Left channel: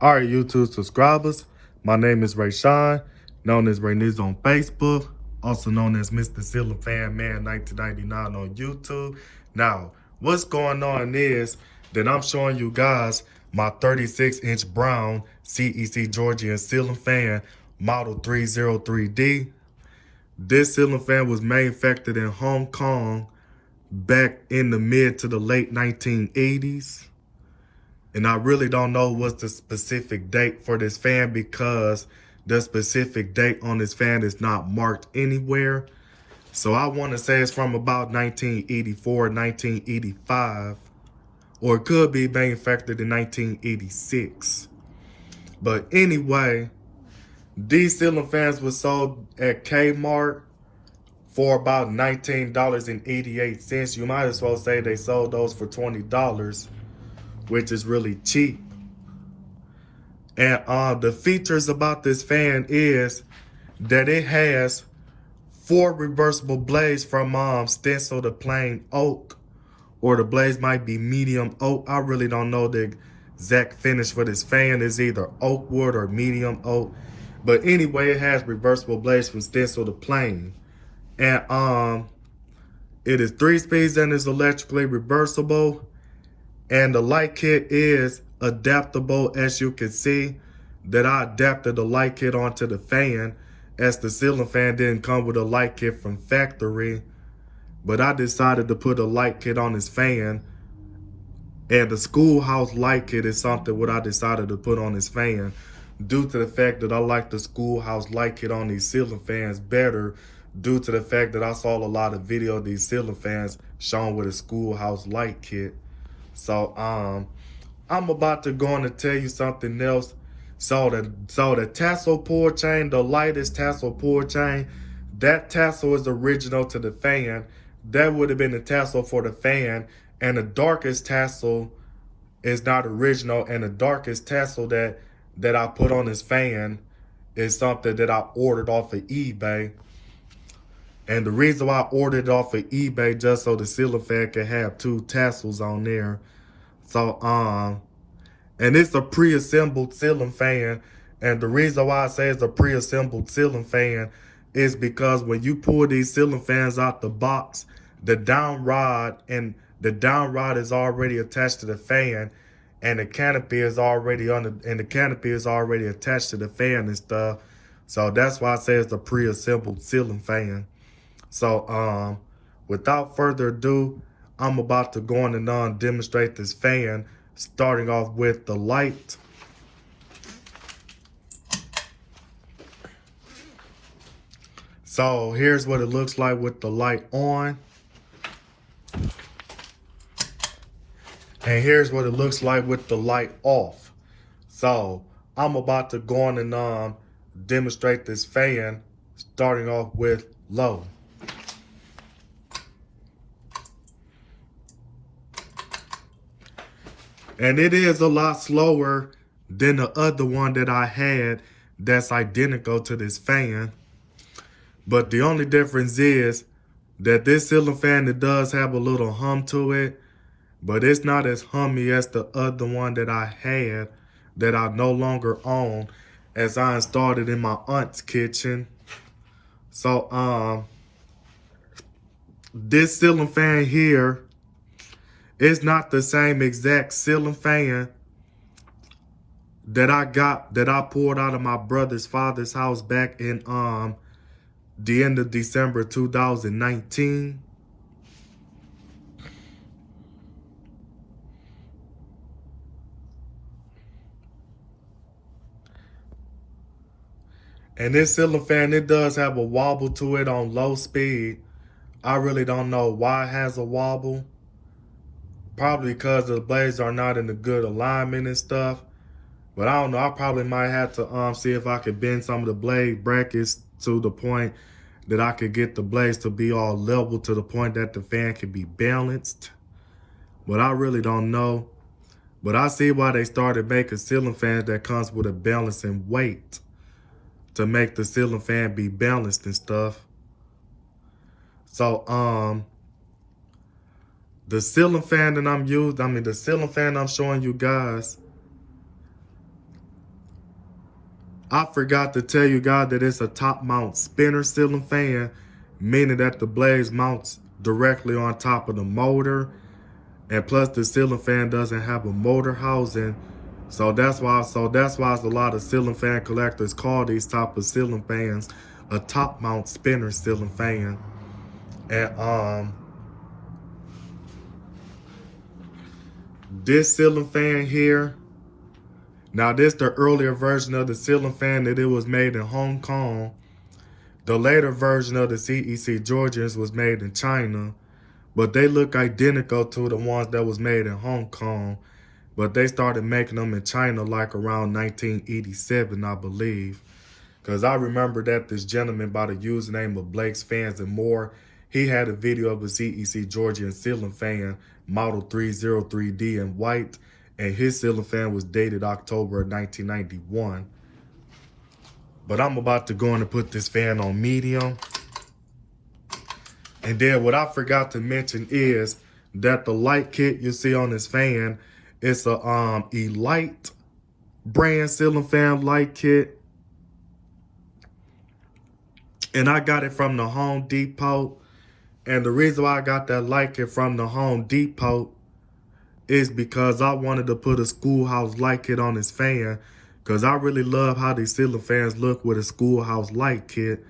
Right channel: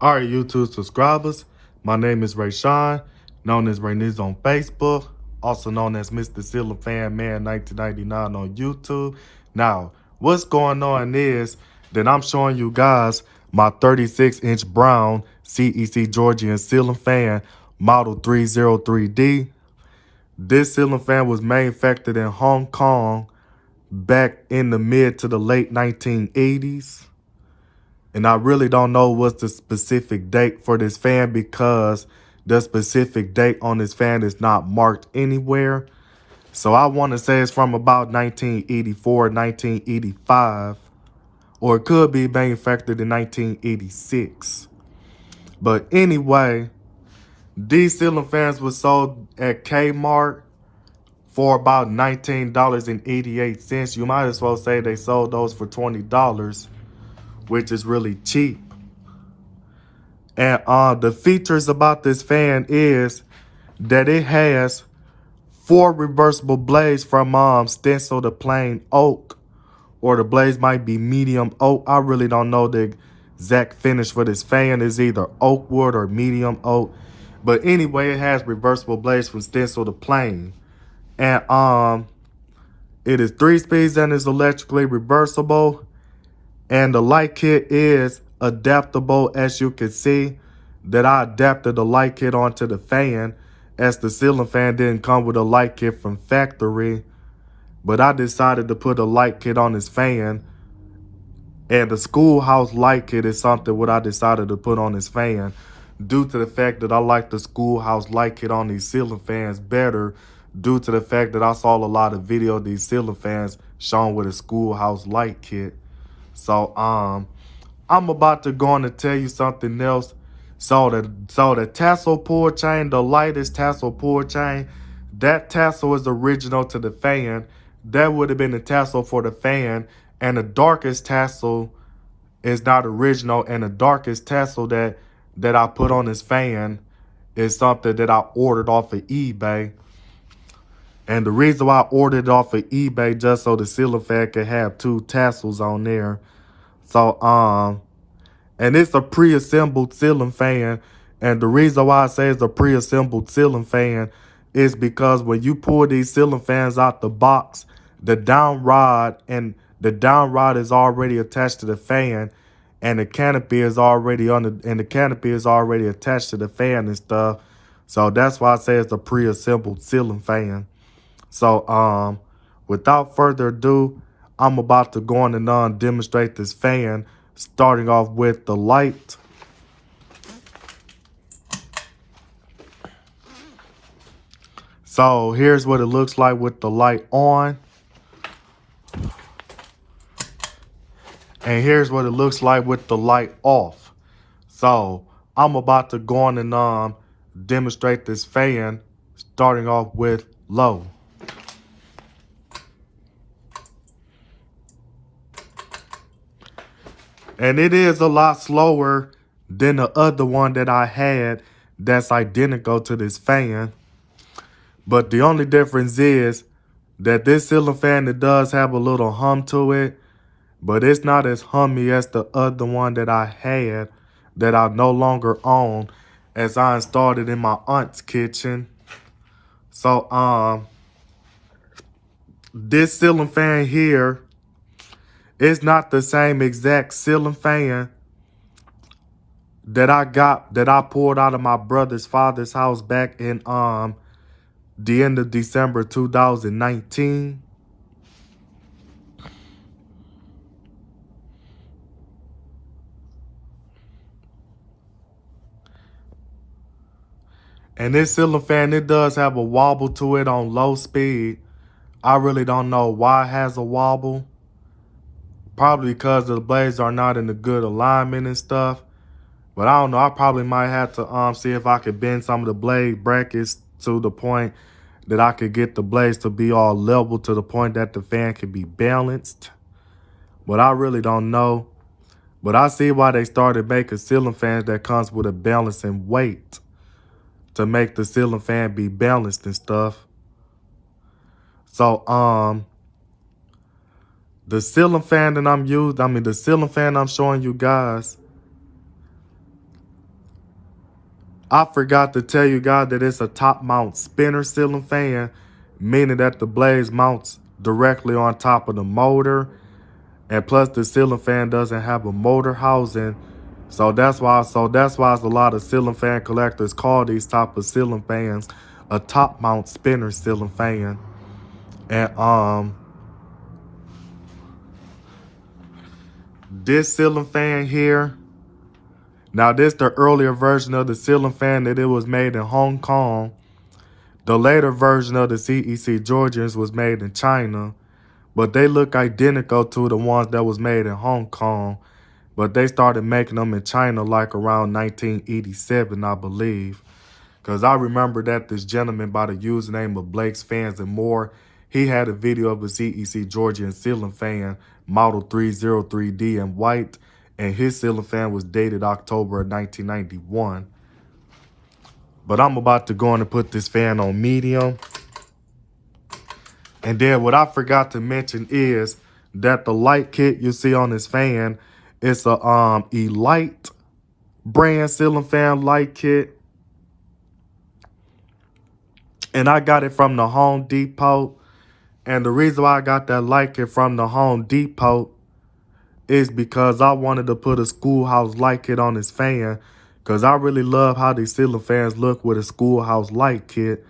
All right, YouTube subscribers, my name is Rayshawn, known as Rayniz on Facebook, also known as Mr. Ceiling Fan Man 1999 on YouTube. Now, what's going on is that I'm showing you guys my 36-inch brown CEC Georgian ceiling fan, model 303D. This ceiling fan was manufactured in Hong Kong back in the mid to the late 1980s. And I really don't know what's the specific date for this fan because the specific date on this fan is not marked anywhere. So I want to say it's from about 1984, 1985, or it could be manufactured in 1986. But anyway, these ceiling fans were sold at Kmart for about $19.88. You might as well say they sold those for $20. Which is really cheap. And the features about this fan is that it has 4 reversible blades from stencil to plain oak, or the blades might be medium oak. I really don't know the exact finish for this fan. It's either oak wood or medium oak. But anyway, it has reversible blades from stencil to plain. And it is 3 speeds and is electrically reversible. And the light kit is adaptable, as you can see that I adapted the light kit onto the fan, as the ceiling fan didn't come with a light kit from factory. But I decided to put a light kit on this fan. And the schoolhouse light kit is something what I decided to put on this fan due to the fact that I like the schoolhouse light kit on these ceiling fans better, due to the fact that I saw a lot of video of these ceiling fans shown with a schoolhouse light kit. So I'm about to go on and tell you something else. So the tassel pull chain, the lightest tassel pull chain, that tassel is original to the fan. That would have been the tassel for the fan. And the darkest tassel is not original. And the darkest tassel that I put on this fan is something that I ordered off of eBay. And the reason why I ordered it off of eBay, just so the ceiling fan could have 2 tassels on there. So, and it's a pre-assembled ceiling fan. And the reason why I say it's a pre-assembled ceiling fan is because when you pull these ceiling fans out the box, the down rod is already attached to the fan, and the canopy is already attached to the fan and stuff. So that's why I say it's a pre-assembled ceiling fan. So, without further ado, I'm about to go on and demonstrate this fan, starting off with the light. So here's what it looks like with the light on. And here's what it looks like with the light off. So I'm about to go on and demonstrate this fan, starting off with low. And it is a lot slower than the other one that I had that's identical to this fan. But the only difference is that this ceiling fan, it does have a little hum to it, but it's not as hummy as the other one that I had that I no longer own, as I installed it in my aunt's kitchen. So this ceiling fan here, it's not the same exact ceiling fan that I pulled out of my brother's father's house back in the end of December 2019. And this ceiling fan, it does have a wobble to it on low speed. I really don't know why it has a wobble. Probably because the blades are not in a good alignment and stuff. But I don't know. I probably might have to see if I could bend some of the blade brackets to the point that I could get the blades to be all level to the point that the fan can be balanced. But I really don't know. But I see why they started making ceiling fans that comes with a balancing weight to make the ceiling fan be balanced and stuff. So the ceiling fan that the ceiling fan I'm showing you guys, I forgot to tell you guys that it's a top mount spinner ceiling fan, meaning that the blades mounts directly on top of the motor. And plus the ceiling fan doesn't have a motor housing. So that's why a lot of ceiling fan collectors call these type of ceiling fans a top mount spinner ceiling fan. And this ceiling fan here, now this the earlier version of the ceiling fan that it was made in Hong Kong. The later version of the CEC Georgians was made in China, but they look identical to the ones that was made in Hong Kong. But they started making them in China like around 1987, I believe. Because I remember that this gentleman by the username of Blake's Fans and More, he had a video of a CEC Georgian ceiling fan, model 303D in white, and his ceiling fan was dated October of 1991. But I'm about to go on and put this fan on medium. And then what I forgot to mention is that the light kit you see on this fan, it's a Elite brand ceiling fan light kit. And I got it from the Home Depot. And the reason why I got that light kit from the Home Depot is because I wanted to put a schoolhouse light kit on this fan. Because I really love how these ceiling fans look with a schoolhouse light kit.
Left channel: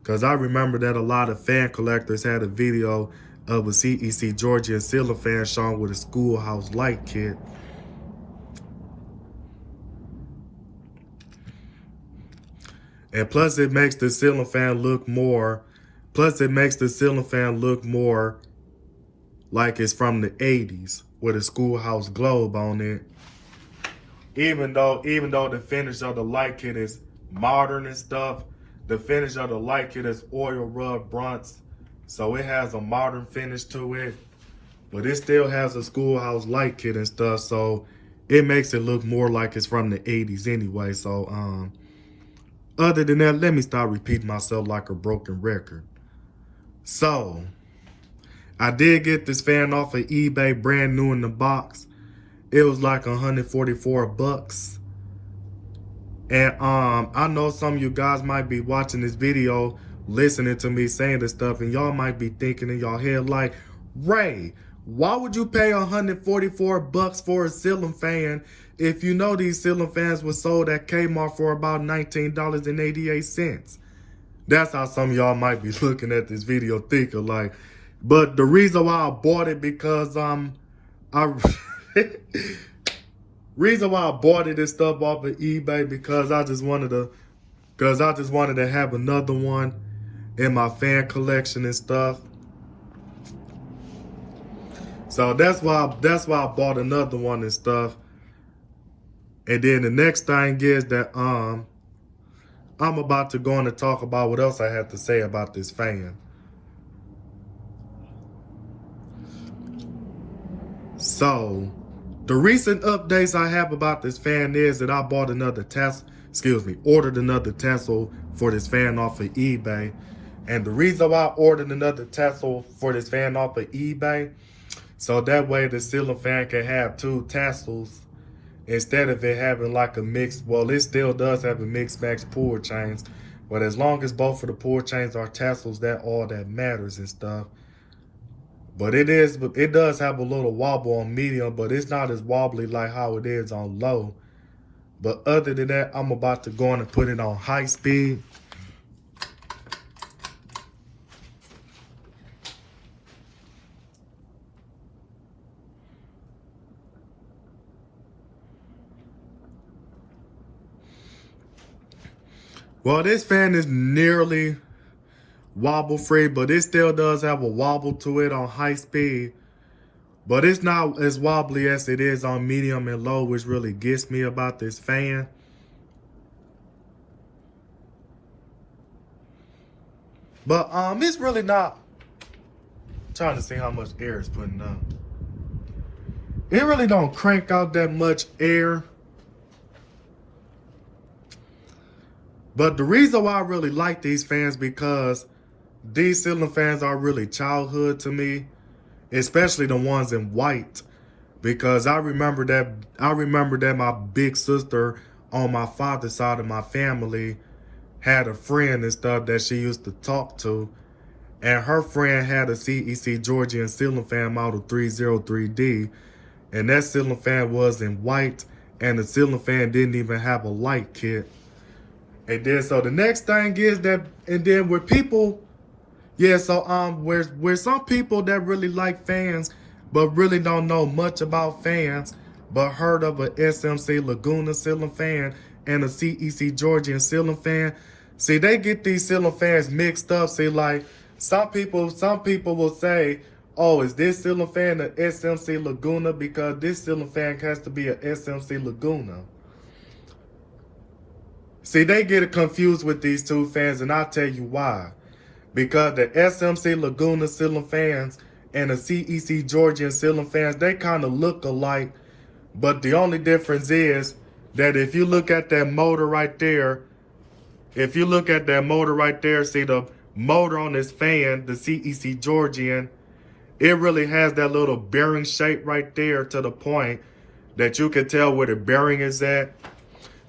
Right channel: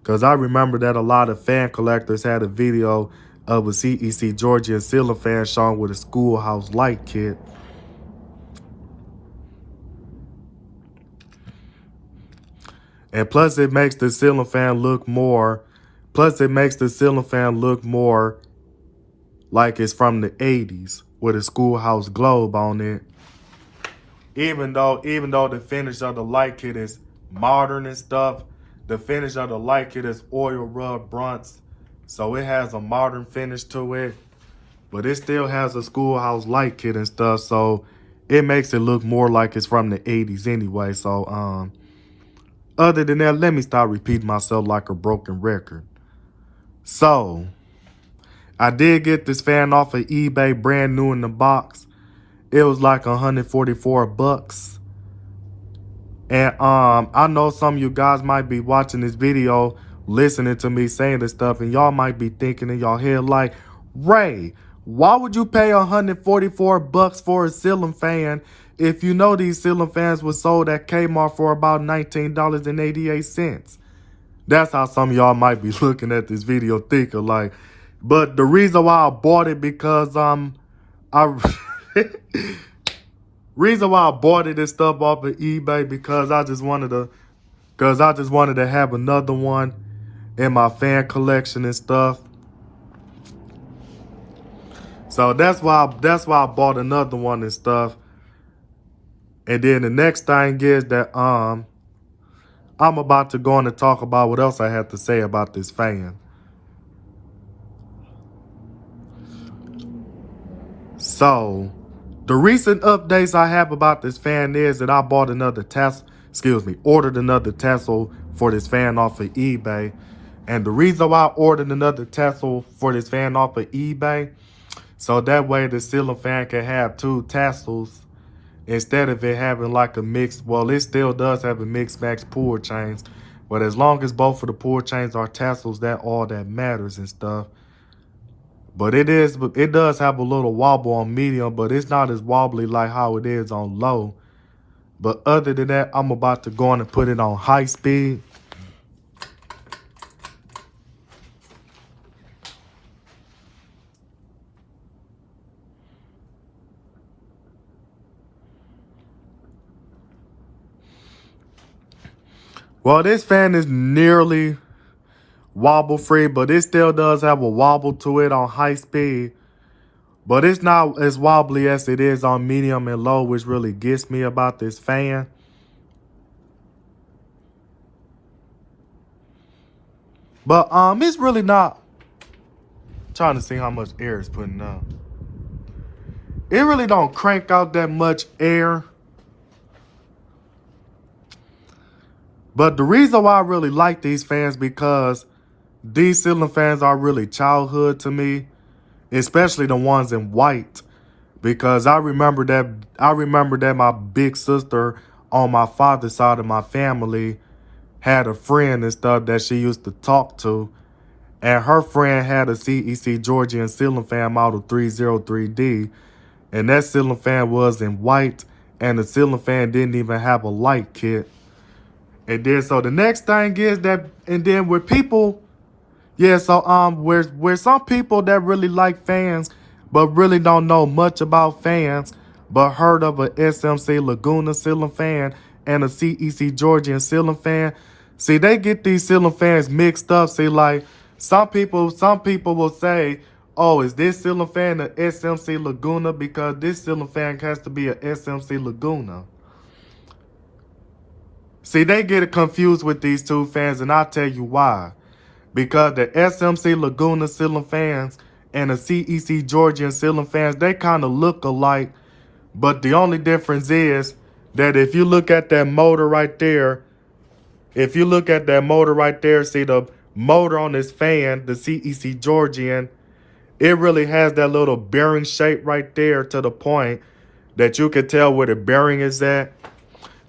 Because I remember that a lot of fan collectors had a video of a CEC Georgian ceiling fan showing with a schoolhouse light kit. And plus it makes the ceiling fan look more, like it's from the 80s with a schoolhouse globe on it. Even though the finish of the light kit is modern and stuff, the finish of the light kit is oil rub bronze, so it has a modern finish to it, but it still has a schoolhouse light kit and stuff, so it makes it look more like it's from the 80s anyway. So other than that, let me stop repeating myself like a broken record. So I did get this fan off of eBay brand new in the box. It was like 144 bucks. And I know some of you guys might be watching this video, listening to me saying this stuff, and y'all might be thinking in your head like, Ray, why would you pay 144 bucks for a ceiling fan if you know these ceiling fans were sold at Kmart for about $19.88? That's how some of y'all might be looking at this video thinking like, but the reason why I bought it because reason why I bought it and stuff off of eBay because I just wanted to have another one in my fan collection and stuff. So that's why I bought another one and stuff. And then the next thing is that I'm about to go on and talk about what else I have to say about this fan. So the recent updates I have about this fan is that I ordered another tassel for this fan off of eBay. And the reason why I ordered another tassel for this fan off of eBay, so that way the ceiling fan can have two tassels instead of it having like a mixed, well, it still does have a mixed match pull chains, but as long as both of the pull chains are tassels, that all that matters and stuff. But it does have a little wobble on medium, but it's not as wobbly like how it is on low. But other than that, I'm about to go on and put it on high speed. Well, this fan is nearly wobble free, but it still does have a wobble to it on high speed. But it's not as wobbly as it is on medium and low, which really gets me about this fan. But it's really not. I'm trying to see how much air it's putting out. It really don't crank out that much air. But the reason why I really like these fans because these ceiling fans are really childhood to me, especially the ones in white, because I remember that my big sister on my father's side of my family had a friend and stuff that she used to talk to. And her friend had a CEC Georgian ceiling fan model 303D. And that ceiling fan was in white. And the ceiling fan didn't even have a light kit. And then, so the next thing is that, and then with people, yeah, so where some people that really like fans, but really don't know much about fans, but heard of a SMC Laguna ceiling fan and a CEC Georgian ceiling fan. See, they get these ceiling fans mixed up. See, like some people will say, oh, is this ceiling fan an SMC Laguna? Because this ceiling fan has to be a SMC Laguna. See, they get confused with these two fans, and I'll tell you why. Because the SMC Laguna ceiling fans and the CEC Georgian ceiling fans, they kind of look alike. But the only difference is that if you look at that motor right there, see the motor on this fan, the CEC Georgian, it really has that little bearing shape right there to the point that you can tell where the bearing is at.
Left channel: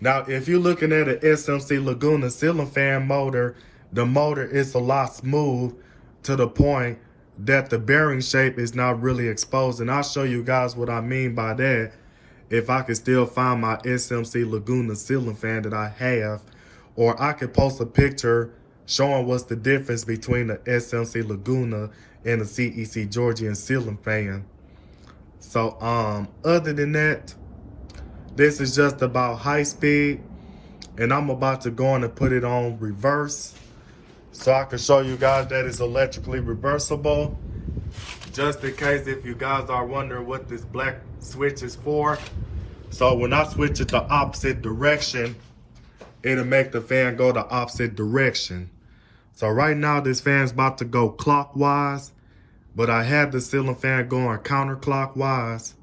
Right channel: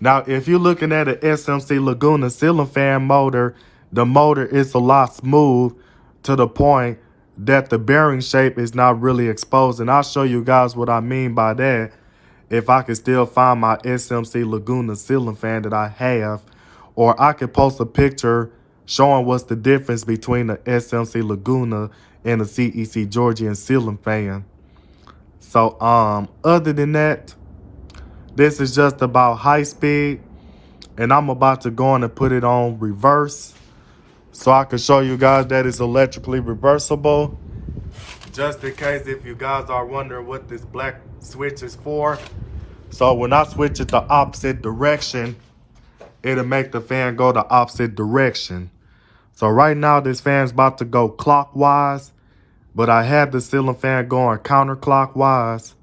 Now, if you're looking at an SMC Laguna ceiling fan motor, the motor is a lot smooth to the point that the bearing shape is not really exposed. And I'll show you guys what I mean by that if I can still find my SMC Laguna ceiling fan that I have. Or I could post a picture showing what's the difference between the SMC Laguna and the CEC Georgian ceiling fan. So, other than that, this is just about high speed. And I'm about to go on and put it on reverse, so I can show you guys that it's electrically reversible. Just in case if you guys are wondering what this black switch is for. So when I switch it the opposite direction, it'll make the fan go the opposite direction. So right now this fan's about to go clockwise, but I have the ceiling fan going counterclockwise.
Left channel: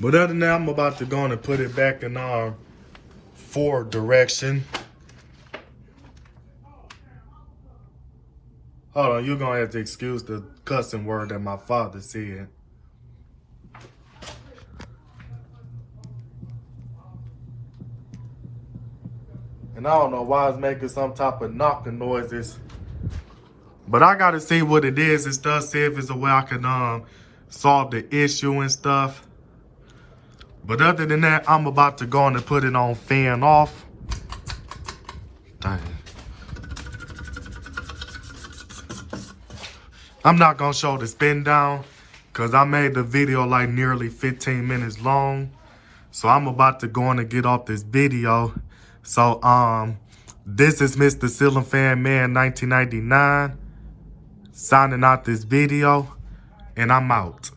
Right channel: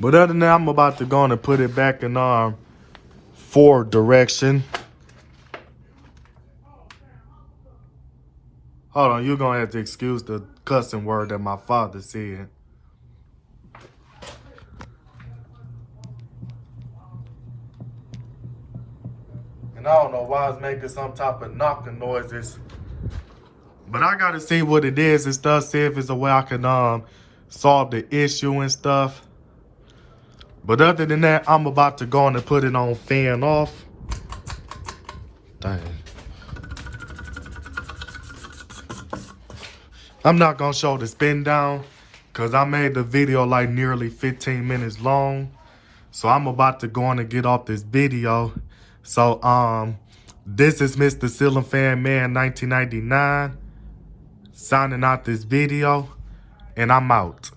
But other than that, I'm about to go on and put it back in forward direction. Hold on, you're gonna have to excuse the cussing word that my father said. And I don't know why it's making some type of knocking noises. But I gotta see what it is and stuff, see if it's a way I can solve the issue and stuff. But other than that, I'm about to go on and put it on fan off. Dang. I'm not gonna show the spin down because I made the video like nearly 15 minutes long. So I'm about to go on and get off this video. So this is Mr. Ceiling Fan Man 1999 signing out this video, and I'm out.